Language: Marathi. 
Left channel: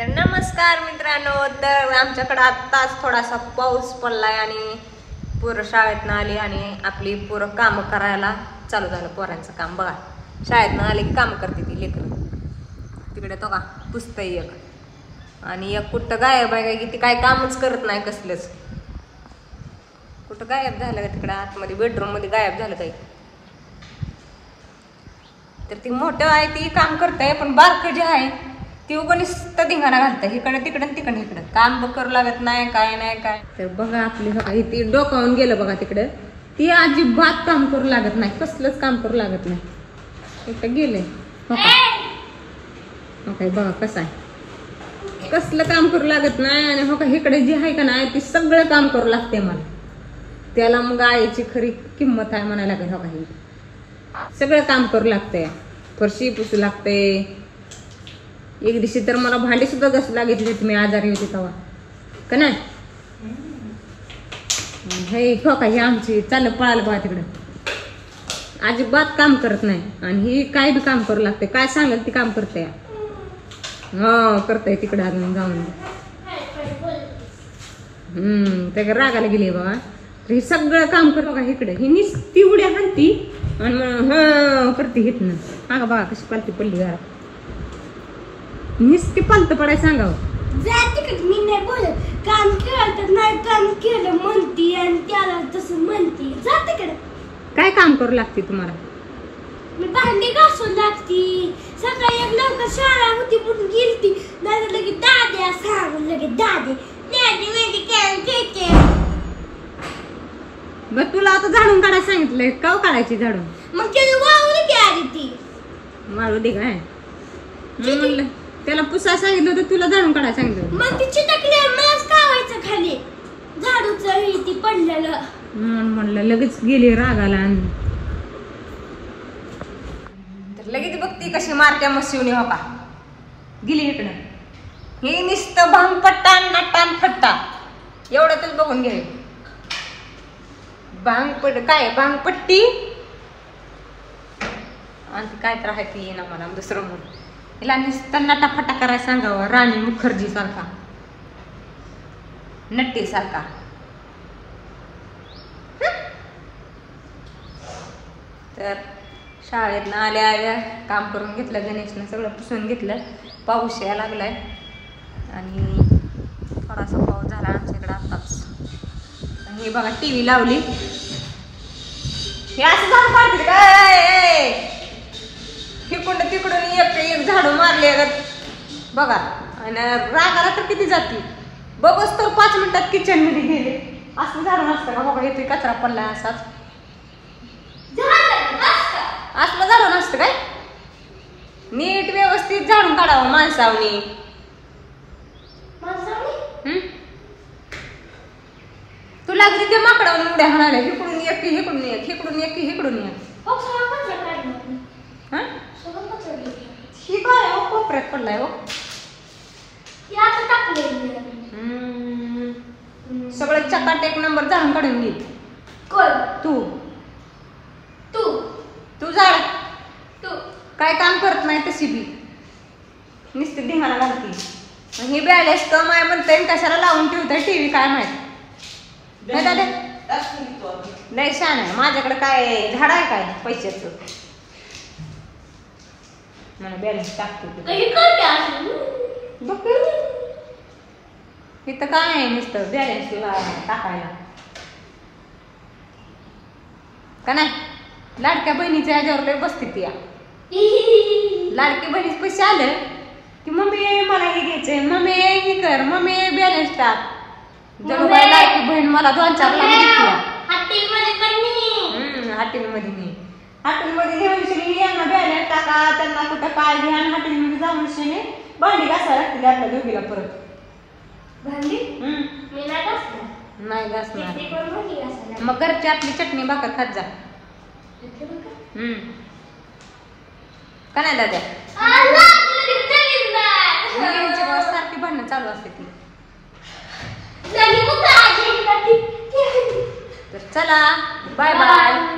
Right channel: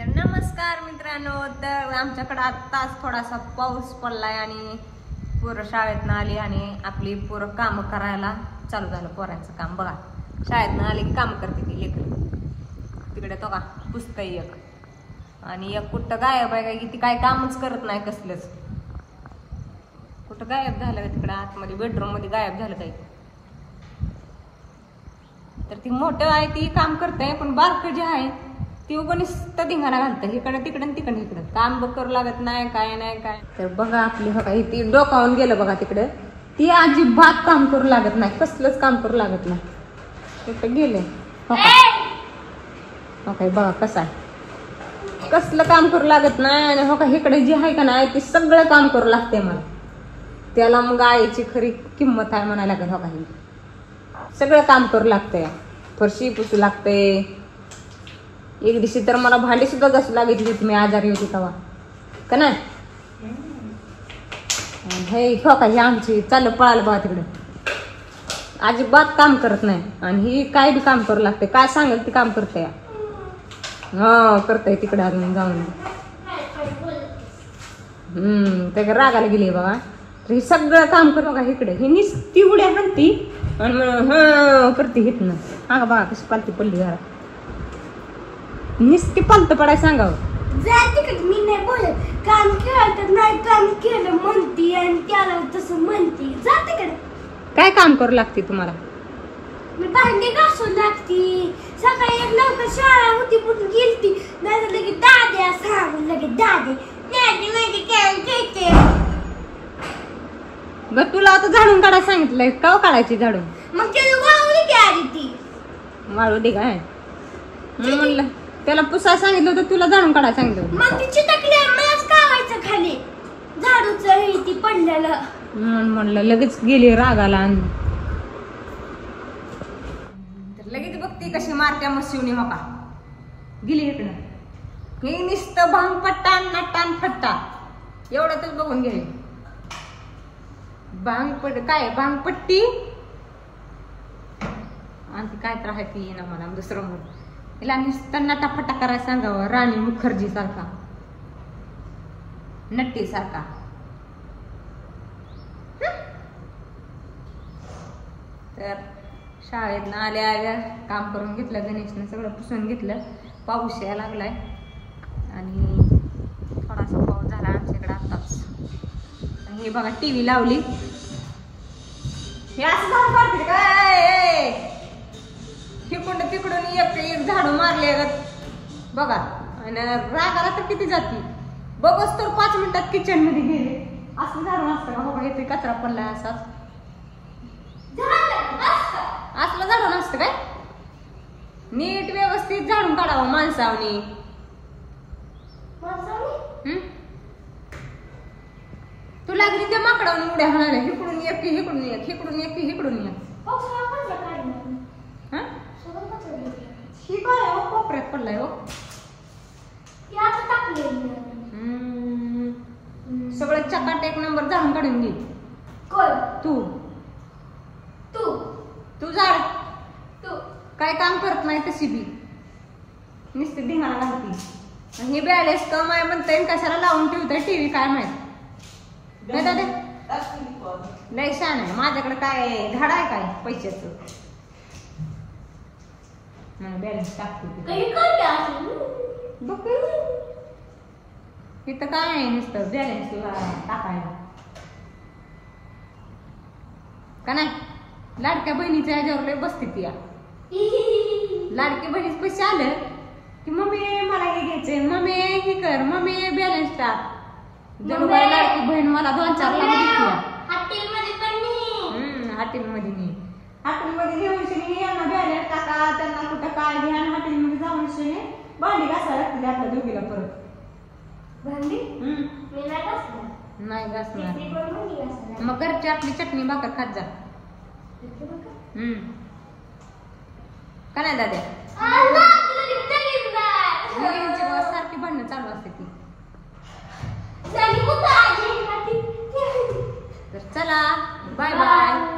तर नमस्कार मित्रांनो, तर आमच्याकडे आत्ताच थोडासा पाऊस पडलाय आणि पोरं शाळेतनं आली आणि आपली पोरं कामं करायला चालू झालं. पोरांचं काम बघा, शाळेतनं आली काम करते ती लेकरं. तिकडे तो का पुस्तक एक आणि एक कुठं गायब आहे की ती काय कामच करत नाही कसलंच. कुठं गायब झालं का तिकडं आतमध्ये बेडरूम मध्ये गायब झालं काही. तर ती मोठं आहे ती काम करते, पण बारकं जे आहे ती उगणीच धिंगाणा घालतं इकडं तिकडं तिकडं इकडं. काम करू लागत नाही काय नाही काय. तर बघा आपली बघा ती डोकावून गेलं बघा तिकडं. ती अजिबात काम करू लागत नाही, कसलंच काम करू लागत नाही. तिकडं गेलंय बघा कसं आहे, कसलं काम करू लागत नाही. आणि हो का इकडे जी आहे का नाही ती सगळं काम करू लागते मला. त्याला मग आईची खरी किंमत आहे म्हणायला लागेल. हो का सगळं काम करू लागतंय, फरशी पुसू लागते. एक दिवशी तर मला भांडी सुद्धा घासू लागितली होती, मी आजारी होती तेव्हा का नाही. हे खोका ही आमची चाललं पळालं बघा तिकडे, अजिबात काम करत नाही. आणि ही काय बी काम करू लागते, काय सांगेल ती काम करते. करते तिकडे अजून जाऊन. त्या रागाला गेली बघा. तर ही सगळं काम कर बघा इकडे. ही नुसती उड्या हाणती आणि करते हितनं. हा बघा कशी पालती पडली घरात. नुसती पालत पडाय सांगावं. मी नाही बोलत, काम केलं नाही काम केलं म्हणती आणि त्याला तसं म्हणती. जा तिकडे. काय काम करू लागते तुम्हाला? मी भांडी घासून लागती. सकाळी एक लवकर शाळा होती म्हणून गेलती, नाही तर लगेच दाद्या सांगून लगेच दादी दादी म्हणजे काय घेते. बर तुला आता झाडून काढायला सांगितलंय का काढायची झाडून? मग त्याला वाळू दे आधी ती. वाळू दे काय म्हणलं. त्याला पुसायला सांगितलं होतं, तुला झाडून काढायला सांगितलं होतं. मग ती चिटकली मलाच कावायचं खाली झाडूचं हे ती पडलेलं. म्हणलं लगेच गेली रागाला. लगेच बघती कशी मारत्या मशिवणी. हो का गेली इकडं. हे नुसतं भांग पट्टा नट्टान फट्टा एवढ्यातच बघून गेले. काय भांगपट्टी आणि काय तर आहे ती ना मला दुसरं म्हणून. तिला नुसतं नटाफटा करायला सांगावं, राणी मुखर्जी सारखा नट्टी सारखा. तर शाळेतनं आल्या आल्या काम करून घेतलं, गणेशनं सगळं पुसून घेतलं. पाऊस यायला लागलाय आणि थोडासा पाऊस झाला आमच्या इकडं आताच. हे बघा टीव्ही लावली. हे असं झालं पाहिजे काय, तिकडून तिकडून एक झाडू मारले बघा. आणि रागाला तर किती जाते बघच तर 5 मिनिटात किचन मध्ये गेले. असं झाडू नसतं का बघा, येते कचरा पडलाय असाच. असलं झाडू नसतं काय, नीट व्यवस्थित झाडून काढावं माणसावनी. तू लागली ते माकडावरून उड्या हाणायला. इकडून एक इकडून एक इकडून एक इकडून एक. ही काय हो कोपऱ्यात पडलाय हो. सगळं चकाट एक नंबर झाडून काढून घे. तू तू तू झाड तू काय काम करत नाही तशी बी नुसती धिंगाणा घालती. ही बॅलेन्स कम आहे म्हणते कशाला लावून ठेवतोय टीव्ही काय माहिती. नाही छान आहे. माझ्याकडे काय झाड आहे काय पैशाचं मला बॅलन्स टाकतो. इथं काय आहे नुसतं बॅलन्सला टाकायला का नाही. लाडक्या बहिणीच्या ह्याच्यावर लय बसते ती. लाडकी बहिणीच पैसे आले की मम्मी मला हे घ्यायचंय, मम्मी हे कर, मम्मी बॅलन्स टाक. जणू काय लाडकी बहीण मला 2-4 लाख हॉटेलमध्ये नाही. हॉटेलमध्ये घेऊन यांना बॅलन्स टाका, त्यांना कुठं काय घ्या. हॉटेलमध्ये जाऊन शिने भांडी घासायला लागते आपल्या दोघीला परत. भांडी नाही घासणार. मग घरची आपली चटणी भाकर खात जा का नाही दादा. सारखी भांडणं चालू असते ती. तर चला बाय बाय.